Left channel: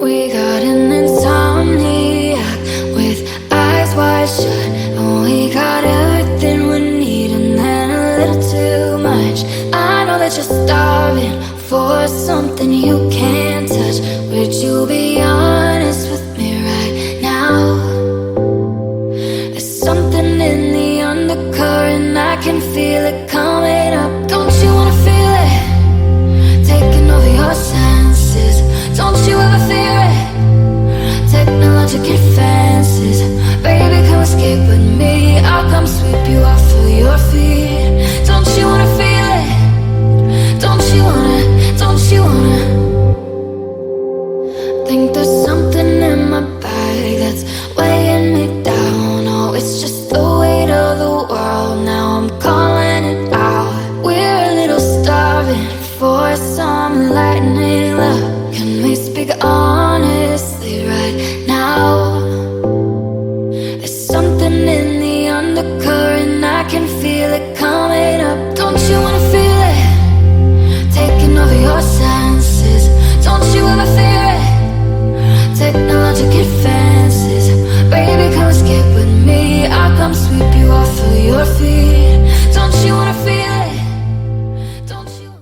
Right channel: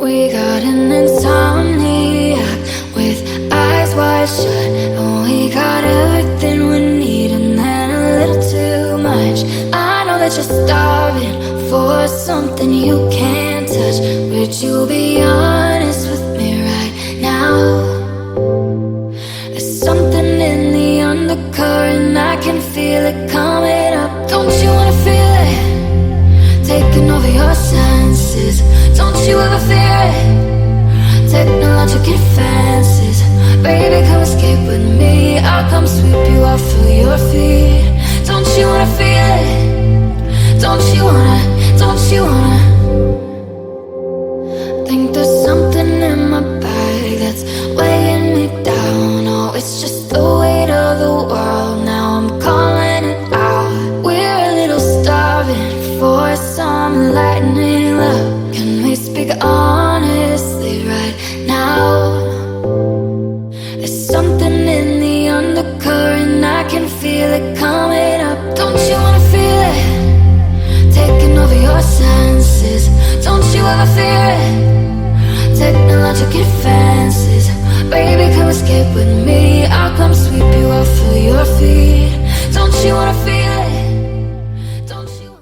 We got an insomniac with eyes wide shut, and we got everything we need and then a little too much. I know that you're starving for something you can't touch. Would you be honest with me right now? There's something in the undercurrent, I can feel it coming up. Don't you wanna feel it? Taking over your senses. Don't you ever fear it? Technologic advances. Baby, come escape with me. I'll come sweep you off of your feet. Don't you wanna feel it? Don't you wanna? Don't you wanna? Think there's something in my bag that's weighing me down. Oh, it's just the weight of the world. Now I'm calling it out. We're a little starving for some lightning love. Can we speak honestly right now? There's something in the undercurrent, I can feel it coming up. Don't you wanna feel it? Taking over your senses. Don't you ever fear it? Technologic advance.